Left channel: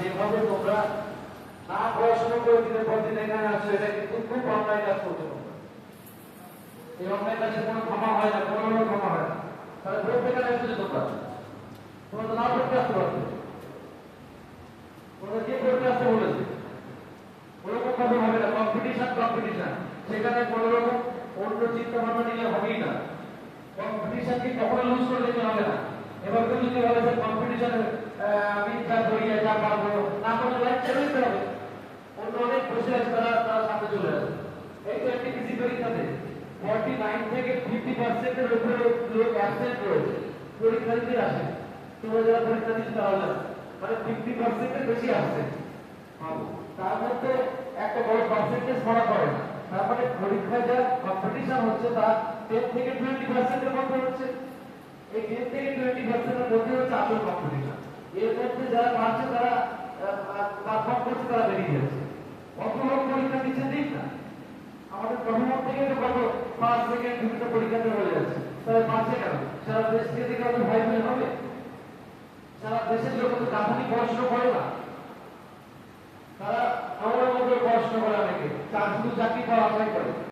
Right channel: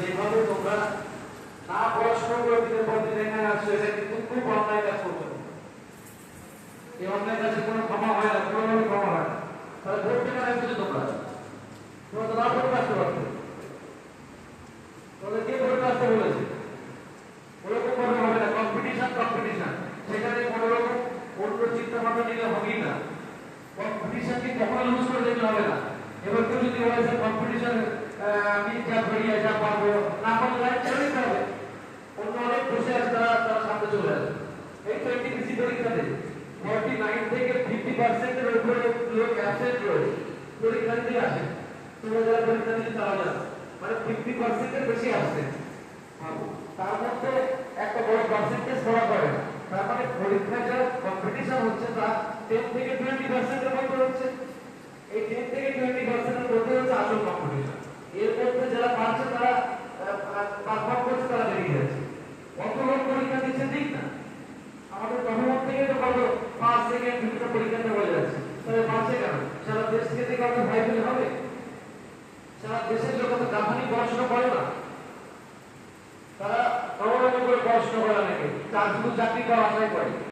যেভাবে তোমরা না পড়াশোনা করে দিনের পর দিন এখানে আসছো, এটা কিন্তু খুব অন্যায় কাজ করতে হবে। এই অন্যায় কাজে কোনো ক্ষমা হয় না, কোনোভাবে ক্ষমা হয় না। তাহলে ভোট কেন এসেছো তোমরা? তোমরা তো না পড়তে আসতে পারতো। তোমরা কে পড়তে আসতে বলেছে? ওরকম ভাবে হবে না, কম্পিটিশন সেখানে কোনো রকম অন্য চিন্তা ভাবনা নিলে হবেই না। কম্পিটিশনকে কখনো লুজ করে দিতে হবে না। এবার কেউ যদি বলে স্যার কম্পিটিশনে আমি যা করি যা পারবো না পারলে লাইফ ছেড়ে দিতে হবে। অন্য অনেক বসে আছে, তারা সামনে চলে আসে। এই তো এনটিপিসি পরীক্ষাতে 49 থেকে 50% এর উপরে লোক অ্যাবসেন্ট রয়েছে, পরীক্ষা দিতে আসে। তোমরা যারা পরীক্ষা দিতে তারা জানো, মানে 50% এর বেশি আসছে। তার মধ্যে একটা বড় পার্সেন্টেজ পড়া পড়ে না। তার মানে পরীক্ষা যা কম্পিটিশন হচ্ছে তা 10 থেকে 20% এর মধ্যে হচ্ছে। এই 10 থেকে 20% এর মধ্যে হচ্ছে আসল কম্পিটিশন। এর মধ্যে যারা পারছে তারা পারফর্ম করছে, তারা বেরিয়ে যাচ্ছে। কত লোক পরীক্ষা দিচ্ছে ঠিক না? আমাদের প্রথম থেকে তো কত ফার্স্ট সেকেন্ড বিভিন্ন পরীক্ষাতে হয়ে যাচ্ছে। তবে পারছে কেন? সারা দেশ থেকে কাউকে ভয় পেলে হবে? সারা দেশের লোক তো দাফানি পড়াশোনা করে না, তারা অনেক পড়াশোনা করে, অনেকে চাকরি পাওয়া আশাই করে।